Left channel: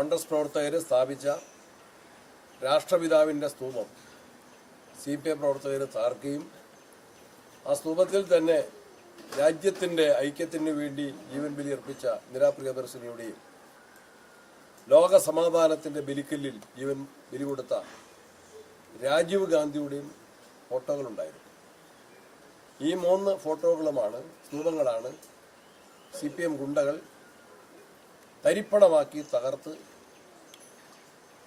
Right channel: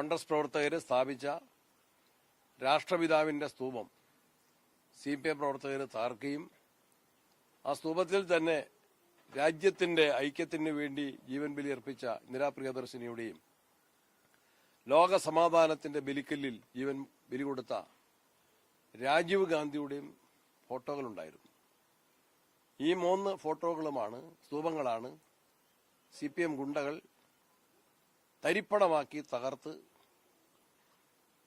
കോൺഗ്രസ് പ്രവർത്തകർ സ്ഥാപിച്ച രാഷ്ട്രപിതാവിന്റെ സ്തൂപം. സി പി എം പ്രവർത്തകർ താർക്കുകയും ആ സ്തൂപത്തിൽ തന്നെ രാജ്യത്തിന്റെ ഐക്യത്തിന് വേണ്ടി ജീവൻ ബലിയർപ്പിച്ച നിരാപ്രിയദർശിനിയുടെയും ലോക സമാധാനത്തിന്റെ ബലിക്കല്ലിൽ ജീവൻ ബലി കൊടുത്ത രാജീവ് ഗാന്ധിയുടെയും ഫോട്ടോകളുണ്ടായിരുന്നു. ഈ മൂന്ന് ഫോട്ടോകളുമാണ് സ്തൂപങ്ങളാണ് സി പി എം ഗുണ്ടകൾ തരിപ്പണമാക്കി തകർത്ത്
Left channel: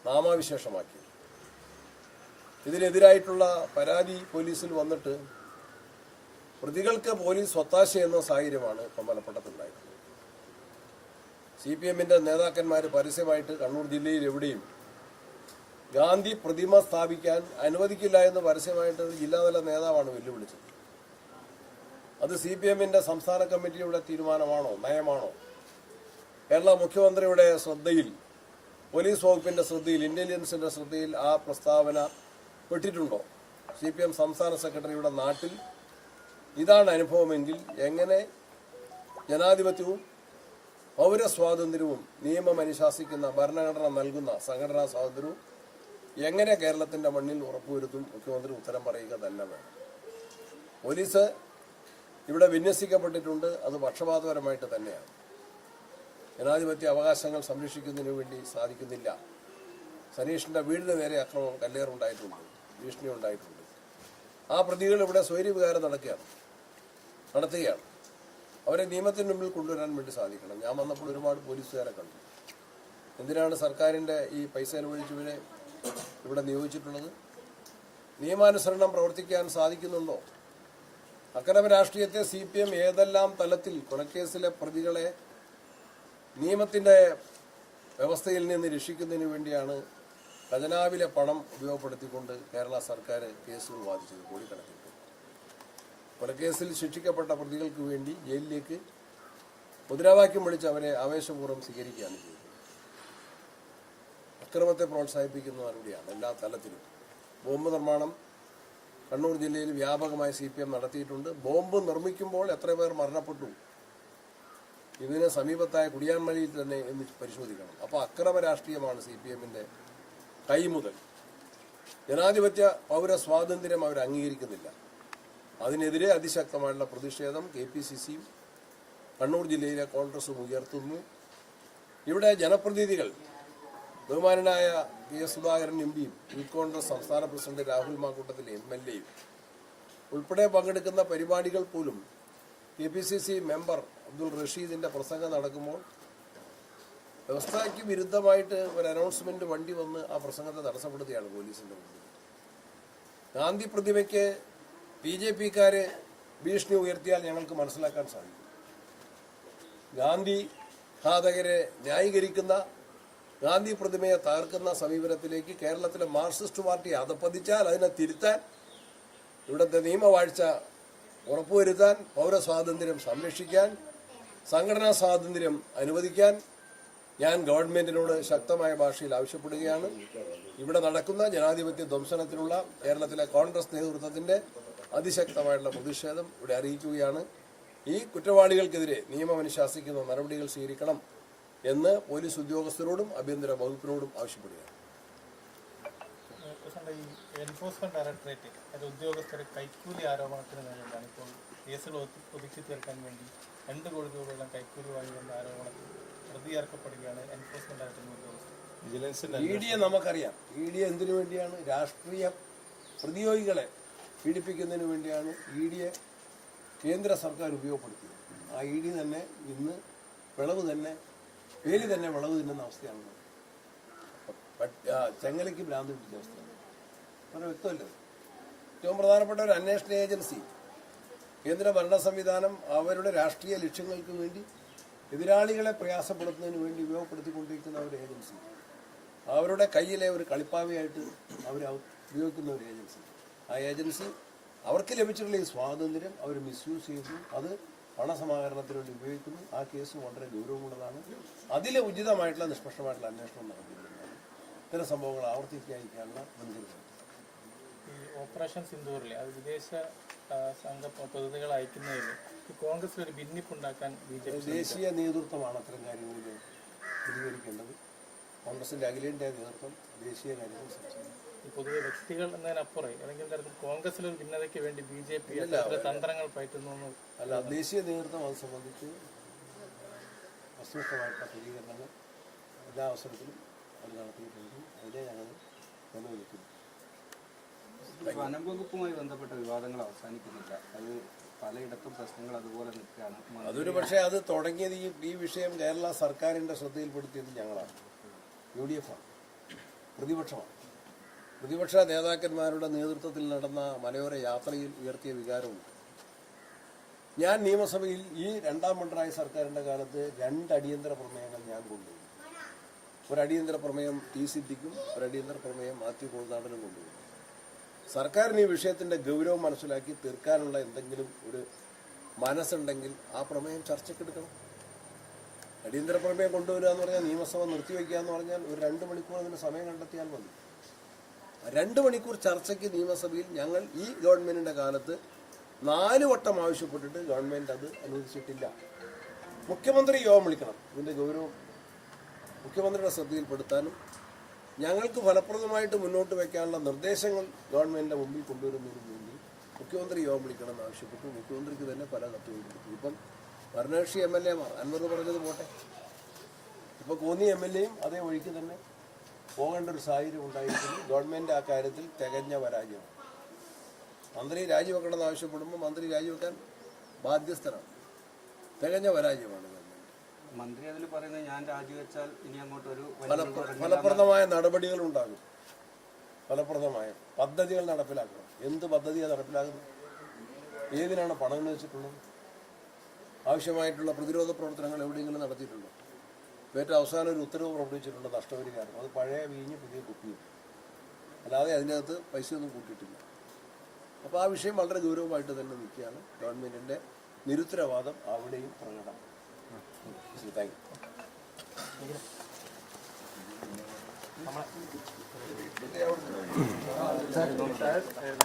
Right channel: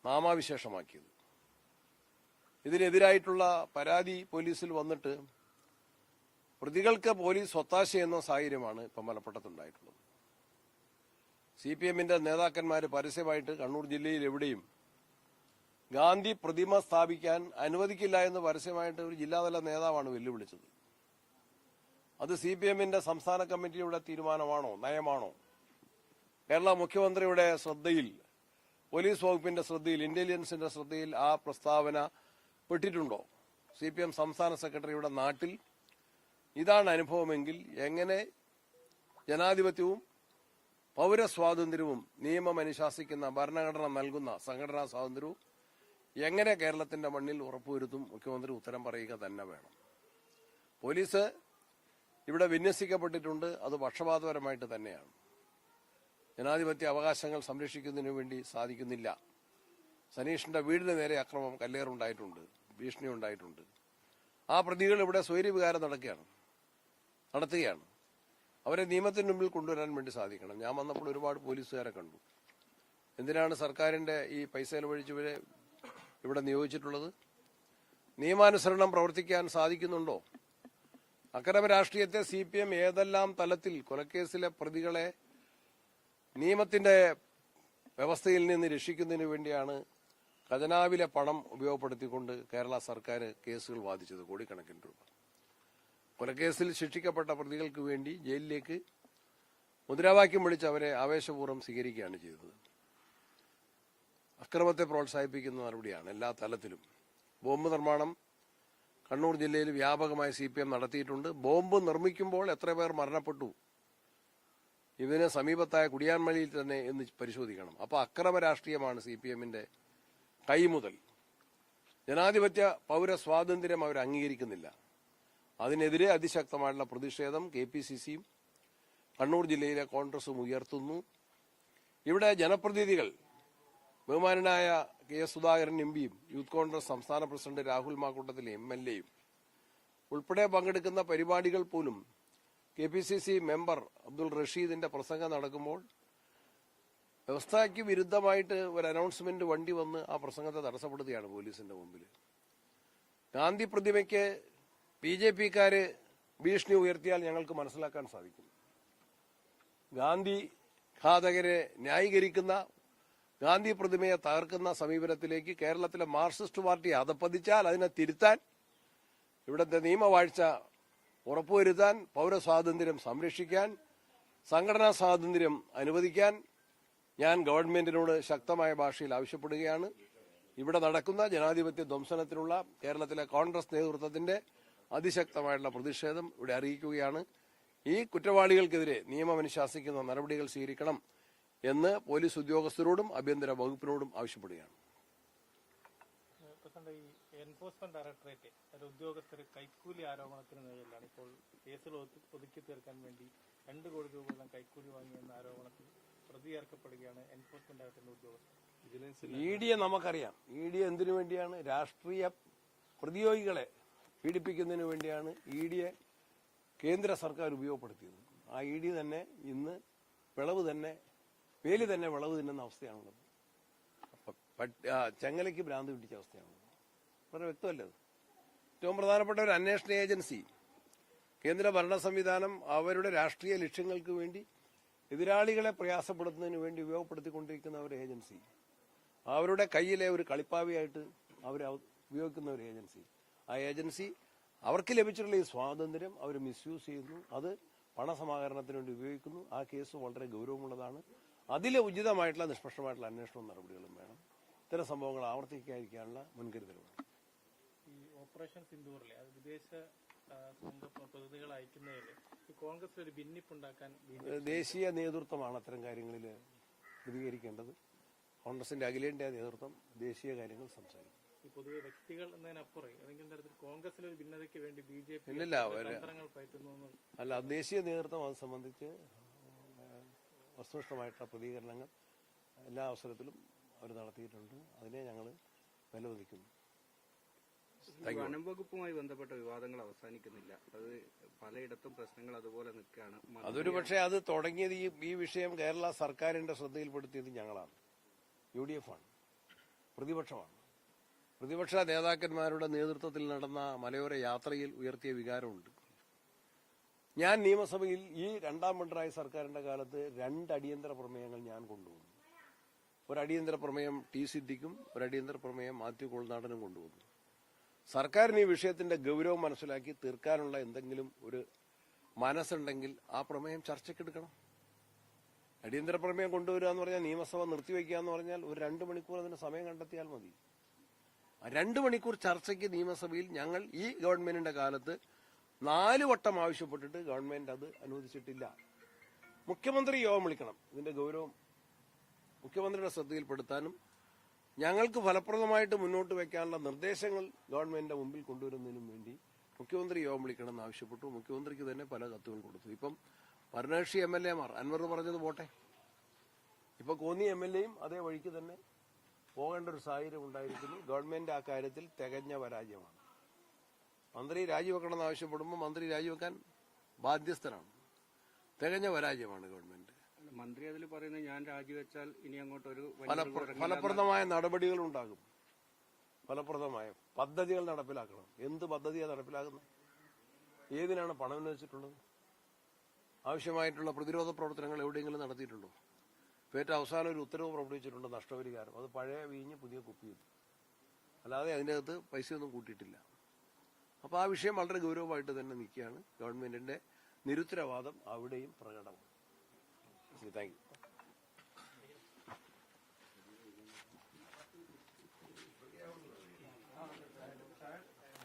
നാമാവിശേഷമാക്കിയത് ഇതിനെതിരായിട്ടുള്ള പരാതി പോലീസിൽ വന്നിട്ട് പ്രതികൾക്ക് പോലീസ് ഒത്താശ എന്ന സാഹചര്യമാണ് ഇപ്പം മലപ്പുറത്തുണ്ടായിട്ടുള്ളത് സി പി നേതാക്കന്മാർ പരസ്യമായിട്ട് കണ്ണൂർ ജില്ലയിൽ എവിടെയും ഗാന്ധി പ്രതിമ സ്ഥാപിക്കാൻ അനുവദിക്കില്ല എന്ന് പരസ്യമായിട്ട് ഒരു ജില്ലാതല നേതാവാണ് വെല്ലുവിളിച്ചത്. അത് സി പി എമ്മിന്റെ സംസ്ഥാന കമ്മിറ്റിയുടെ തീരുമാനമാണോ നയമാണോ? കേരള മുഖ്യമന്ത്രിയുടെ ശ്രദ്ധയിൽ പോലീസ് വകുപ്പിന്റെ ശ്രദ്ധയിൽ ഇന്റലിജൻസിന്റെ ശ്രദ്ധയിൽ ആ പ്രസ്താവന പെട്ടിട്ടുണ്ടോ? സി പി എം സംസ്ഥാന സെക്രട്ടറിയുടെ നാട്ടിൽ ഇതാണ് അനുഭവമെങ്കിൽ എങ്ങനെ ജനാധിപത്യവും പൗരസ്വാതന്ത്ര്യവും നിയമം അനുശാസിക്കുന്ന ഭരണഘടന നൽകുന്ന സംഘടനാ സ്വാതന്ത്ര്യവും എങ്ങനെ കേരളത്തിന്റെ മണ്ണിൽ ഉറപ്പുവരുത്തും? മുഖ്യമന്ത്രി ഉത്തരം പറയുക തന്നെ വേണം. പോലീസ് ഇവിടെ വിന്യസിക്കപ്പെട്ടിട്ടുണ്ട് അത് പക്ഷപാതപരമായിട്ട് തന്നെയാണ്. ജനാധിപത്യ അവകാശങ്ങൾ സംരക്ഷിക്കുന്നതിന് വേണ്ടി സാധിക്കുന്നില്ല. സനീഷിന്റെ വീടിന് നേരെ അക്രമം കല്ലേറുണ്ടായിട്ടുണ്ട് ഭീഷണി ഉണ്ടായിട്ടുണ്ട്. ആ പ്രതികൾ ഇവിടെ സ്വൈര്യവികാരം നടക്കുകയാണ് നടത്തുകയാണ്. അവരെ നിയമത്തിന് മുമ്പിൽ കൊണ്ടുവരാൻ വേണ്ടി സാധിക്കണം. ഞാൻ വന്നപ്പോൾ ഒരുപാട് പോലീസുകാരെ കണ്ടു. എന്തിനാണ് സർക്കാരിന്റെ ഈ പൈസ ചെലവഴിച്ചവരെ ഇവിടെ നിയോഗിച്ചിട്ടുള്ളത്? നിയമാനുസരണം പ്രവർത്തിക്കാൻ സാധിക്കുന്നുണ്ടോ? അക്രമ രാഷ്ട്രീയത്തെ സി പി എം ഏതെല്ലാം തലത്തിൽ കൊലക്കേസിലെ പ്രതികളെ നിയമത്തിന്റെ വ്യവസ്ഥയിൽ നിന്ന് രക്ഷിക്കുന്നതിന് വേണ്ടിയാണ് ഖജനാവിലെ പണം ഉപയോഗപ്പെടുത്തിക്കൊണ്ട് കേരള സർക്കാർ കേസുകൾ വാദിച്ചത് കോടിക്കണക്കിന് കൊലക്കേസിൽ ശിക്ഷിക്കപ്പെട്ട പ്രതികൾക്ക് വേണ്ടി ജയിലിലേക്ക് മുദ്രാവാക്യം വിളിച്ച് അവരെ ആവേശപൂർവം സ്വീകരിക്കുകയാണ് ചെയ്തത്. അക്രമത്തെ പ്രോത്സാഹിപ്പിക്കുന്ന നടപടിയാണ് എല്ലാ തലത്തിലും. ബോംബ് നിർമ്മാണം കണ്ണൂർ ജില്ലയിൽ വ്യാപകമായി സി നടത്തിയിട്ടുണ്ട്. ബോംബ് നിർമ്മിക്കുമ്പോൾ എത്ര പേർ മരണപ്പെട്ടു? ഇതിന് സമീപത്തായ കുടിയാൻമഴയിൽ തന്നെ എന്ന് പരിശോധിക്കണം. അപ്പോൾ അക്രമ രാഷ്ട്രീയമാണ് സി പി എമ്മിന്റെ കൈമുതൽ ജനാധിപത്യ പൗര സ്വാതന്ത്ര്യം അവർ അംഗീകരിക്കുന്നില്ല. അതിനെതിരെ അതിശക്തമായിട്ടുള്ള പ്രതിഷേധം കെ പി സി സിയും കണ്ണൂർ ജില്ലയിലെ കോൺഗ്രസും ഉയർത്തുന്നു. ഇവിടെ ജനപ്രതിനിധികൾ ബഹുമാനായ കെ എസ് സുധാകരൻ എം പിയും യൂത്ത് കോൺഗ്രസ് സംസ്ഥാന പ്രസിഡന്റ് രാഹുൽ മാക്കൂട്ടത്തിലെ എം എൽ എയും ഉൾപ്പെടെ പങ്കെടുക്കുന്ന പരിപാടികൾ പോലും K P C C member Abdul റഷീദിന്റെ പ്രസംഗം നടക്കുമ്പോൾ വ്യവസ്ഥയ്ക്ക് വിരുദ്ധമായിട്ട് ഒരു അനൗൺസ്മെന്റ് വണ്ടി വന്ന് ആ പ്രസംഗത്തെ തടസ്സപ്പെടുത്തിയാണ് പോലീസിന്റെ മുമ്പിൽ. ഗാന്ധി പ്രതിമയ്ക്ക് ബി ജെ പിക്കാര് ഭീഷണി ഉയർത്തിയാൽ ഞങ്ങൾക്ക് മനസ്സിലാക്കാൻ സാധിക്കും. ഗാന്ധി ഘാതകരെ ന്യായീകരിക്കുന്ന ഗാന്ധി പ്രതിമയെ തകർക്കുന്ന സമീപനത്തിലേക്ക് കേരളത്തിലെ മാർക്സിസ്റ്റ് പാർട്ടി അധപ്പതിച്ചാൽ അതിനെ തിരുത്താൻ ഇവിടുത്തെ നിയമവാഴ്ച ഉറപ്പുവരുത്താൻ പൗരസ്വാതന്ത്ര്യം സംരക്ഷിക്കാൻ സംഘടനാ സ്വാതന്ത്ര്യം അനുവദിക്കാൻ ഞാൻ ഗവൺമെന്റിനോട് ശക്തമായ ഭാഷയിൽ ആവശ്യപ്പെടുകയാണ്. ഇവിടെ നടക്കുന്ന ജനാധിപത്യ ധ്വംസനത്തിനുള്ള കേരളത്തിലെ കോൺഗ്രസ് നേതൃത്വത്തിന്റെ അതിശക്തമായിട്ടുള്ള പ്രതിഷേധം ഇവിടെ അറിയിക്കുകയാണ്. ഈ കുറ്റവാളികൾക്കെതിരെ നിയമം അനുശാസിക്കുന്ന നടപടികൾ സ്വീകരിക്കണം എന്ന് പോലീസ് ഉദ്യോഗസ്ഥരോടും ആഭ്യന്തര വകുപ്പിനോടും ആവശ്യപ്പെടുകയാണ്. എൻഫോഴ്സ്മെന്റ് ഡയറക്ടറേറ്റ് അത് ഉദ്യോഗസ്ഥരെ കൈക്കൂലി ആരോപണത്തിന് മേലെയാണ് ഇപ്പോൾ കേസുകൾ ഒതു- ഒതുക്കി തീർക്കാൻ വേണ്ടി രണ്ട് കോടി രൂപയോളം കൈക്കൂലി വാങ്ങിയെന്ന ആരോപണത്തിൽ പ്രതിയേർക്കപ്പെടുകയാണ് എൻഫോഴ്സ്മെന്റ് ഡയറക്ടറേറ്റ് ഉദ്യോഗസ്ഥർ ഇ ഡിയെ നമുക്കറിയാം. ഇ ഡി എന്തിനു വേണ്ടിയാണ്? രാഷ്ട്രീയ പ്രതിയോഗികളെ പീഡിപ്പിക്കുന്നതിന് വേണ്ടിയാണ് ഇ ഡിയെ കേന്ദ്ര സർക്കാർ ഉപയോഗപ്പെടുത്തിയത്. ആ ഇ ഡി തന്നെ ഇന്ന് വിളവ് തന്നെ പേര് തന്നെ വിളവ് തിന്നുന്ന അവസ്ഥയാണ്. ചെങ്ങലയ്ക്ക് ഭ്രാന്ത് പിടിച്ച അവസ്ഥയാണ്. വളരെ വ്യക്തമല്ലേ? ഏറ്റവും പ്രധാനപ്പെട്ട ഒരു അന്വേഷണ ഏജൻസി കേന്ദ്ര ഭരണ സംവിധാനം അവരുടെ രാഷ്ട്രീയ ലക്ഷ്യങ്ങൾക്ക് വേണ്ടി എതിരാളികളെ പ്രയാസപ്പെടുത്തുന്നതിന് വേണ്ടി ഉപയോഗപ്പെടുത്തിക്കൊണ്ടിരിക്കുന്ന ഒരു ഏജൻസി. അവരുടെ കയ്യിലെ ഒരു കളിപ്പാവയായിട്ട് അവർ ഉപയോഗിക്കുന്ന ഒരു ഏജൻസി. ആ ഏജൻസി അവർക്ക് ലഭിച്ചിട്ടുള്ള ഈ സ്വാതന്ത്ര്യം അവർ മിസ്യൂസ് ചെയ്തു. അത് പണസമാഹരണത്തിന് വേണ്ടി ഉപയോഗിക്കുന്നു. ആ കേസ് വളരെ ഗൗരവമുള്ളതാണ്. അതിലെ ഉചിതമായിട്ടുള്ള നിഷ്പക്ഷമായിട്ടുള്ള അന്വേഷണം നടത്തിയിട്ടുള്ളതാണ്. ഇത്തരം സംഭവങ്ങൾ ആവർത്തിക്കാതിരിക്കാനുള്ള മുൻകരുതൽ ഓപ്പറേഷൻ സിന്ദൂറിലെ. അത് വിദേശ സംഘ പ്രതിനിധികൾ അയക്കുന്നതിൽ കോൺഗ്രസ് കോൺഗ്രസിൽ ഒരു ഭിന്നിപ്പുണ്ടാക്കാൻ ബി ജെ പി ദേശീയ നേതൃത്വമാണ് അത്തരം കാര്യങ്ങളിൽ പ്രതികരിക്കേണ്ടത്. കോൺഗ്രസിന്റെ അഖിലേന്ത്യാ നേതൃത്വം ദേശീയ കാര്യങ്ങൾ പൊതുവെ വ്യക്തികൾ എന്നതിനപ്പുറം ഏതെങ്കിലും തരത്തിൽ കോൺഗ്രസിൽ ഒരു ഭിന്നതയ്ക്ക് വേണ്ടി ബി ജെ പി തന്ത്രങ്ങൾ പയറ്റുന്നു അല്ല ദേശീയ നേതൃത്വം അത് സംബന്ധിച്ച് വസ്തുനിഷ്ഠമായിട്ടുള്ള പ്രതികരണങ്ങൾ എല്ലാ അവസരത്തിലും അത് നടത്തിയിട്ടുണ്ട് അതിനെ ഞങ്ങൾ നിലനിൽക്കുന്നു വനം വകുപ്പുമായി ബന്ധപ്പെട്ട വിവാദങ്ങൾ അവസാനിക്കുന്നില്ല. അത് പലയിടത്തും പ്രശ്നങ്ങൾ അതുപോലെ നിൽക്കുകയാണ്. അതൊരു പക്ഷേ അത് തുടങ്ങിയത് ഈ ഈ വിഷയം കേരള സർക്കാരിന്റെ ശ്രദ്ധയിൽപ്പെടുത്തിയത് ഞങ്ങളാണ്. യു ഡി എഫ് ആണ്. പ്രതിപക്ഷമാണ്. പ്രതിപക്ഷ നേതാക്കന്മാരുടെ നേതൃത്വത്തിൽ നടന്ന മലയോര യാത്രയിൽ ഉയർത്തിയ വികാരമുണ്ട്. ഞാൻ നിയമസഭയിൽ ഈ രണ്ടാം പിണറായി സർക്കാരിന്റെ കാലത്ത് രണ്ട് അടിയന്തര പ്രമേയങ്ങൾ ഞാൻ കൊണ്ടുവന്നു. ഒരു അടിയന്തര പ്രമേയം ടി സിദ്ദിഖും ഒരു അടിയന്തര പ്രമേയം മാത്യു കൊളുനാടനും കൊണ്ടുപോയി സർക്കാരിന് ഈ വിഷയത്തിന്റെ ഗൗരവം മനസ്സിലാക്കി തീർക്കാനുള്ള എന്തെങ്കിലും ഒരു മനസ്സുണ്ടെങ്കിൽ ആ പ്രമേയം ചർച്ചയ്ക്കെടുക്കണം. അടിയന്തര പ്രമേയം കൊണ്ടുവരിക എന്ന് പറഞ്ഞാൽ നിയമസഭ നിർത്തിവെക്കുക എന്ന് പറഞ്ഞാൽ ഒരു രണ്ട് മണിക്കൂർ അതിന് സമയം കണ്ടെത്തിയാൽ മതി. രണ്ട് മണിക്കൂർ ചർച്ചയ്ക്ക് നിയമസഭയിൽ ഞങ്ങൾ ഈ ഗവൺമെന്റിന്റെ കാലത്ത് നാല് വട്ടം ആവശ്യപ്പെട്ടിട്ട് ഗവൺമെന്റ് അത് അനുവദിച്ചിട്ടില്ല. മുഖ്യമന്ത്രി യോഗം വിളിക്കണം. ഇതിന്റെ ഗൗരവം മുഖ്യമന്ത്രിയുടെ ശ്രദ്ധയിൽപ്പെടുത്താനും ഞങ്ങൾക്ക് ഫലപ്രദമായിട്ട് മുന്നോട്ട് വയ്ക്കാനുള്ള നിർദ്ദേശങ്ങൾ ഗവൺമെന്റിന്റെ മുമ്പിൽ കൊണ്ടുവരുന്നതിന് വേണ്ടി മുഖ്യമന്ത്രി യോഗം വിളിക്കണമെന്ന് ആവശ്യപ്പെട്ടു. മുഖ്യമന്ത്രിക്ക് തന്നെ പല കത്തുകൾ കൊടുത്തു. ഇപ്പം ഭരണകക്ഷി എം എൽ എമാർ അൻവർ പറഞ്ഞത് പോട്ടെ. ഇപ്പൊ കോന്നി എം എൽ എയും അതേ വഴിക്ക് തന്നെ പോകേണ്ട ഒരു സാഹചര്യം ഉണ്ടായിരിക്കുന്നു. ഗവൺമെന്റ് ആ കാര്യത്തിൽ തികഞ്ഞ പരാജയമാണ്. മന്ത്രി രാജിവെക്കണമെന്ന് ആവശ്യപ്പെടുമ്പോൾ മന്ത്രി രാജിവെക്കാൻ ബാധ്യസ്ഥനാണ്. തികഞ്ഞ പരാജയമാണ് ഗവൺമെന്റ്. മന്ത്രി അതിൽ പറയുന്നത് ഞാൻ രാജിവെച്ചാൽ ഇനി അങ്ങോട്ട് ഒരു ഫലപ്ര- ഫലപ്രദമായ നടപടികൾ ഉണ്ടാകും ഫലപ്രദമായ പദ്ധതികൾ നടപ്പിലാക്കണം. എന്ത് പദ്ധതിയാണ് നടപ്പിലാക്കുന്നത്? ഏതിനാണ് പണം വെച്ചിട്ടുള്ളത് ആവശ്യമായിട്ടുള്ള പ്രതിരോധ പ്രവർത്തനങ്ങൾ എവിടെയെങ്കിലും നടത്തിയിട്ടുണ്ടോ? ഏറ്റവും അവസാനം ഒരു ഉത്തരവ് പുറപ്പെടുവിച്ചിട്ടുണ്ട് നഷ്ടപരിഹാരം. അത് പഴയ വീഞ്ഞ് പുതിയ കുപ്പിയും. അല്ലാതെ അതിനകത്ത് പൈസ ഒന്നും കൂട്ടിയിട്ടില്ല. അപ്പോൾ ആ വിഷയം വളരെ ഗൗരവമായിട്ട് തന്നെ നിൽക്കുകയാണ് ഗവൺമെന്റിന്റെ നിരുത്തരവാദം അവിടെയും പ്രകടമാണ്. Thank you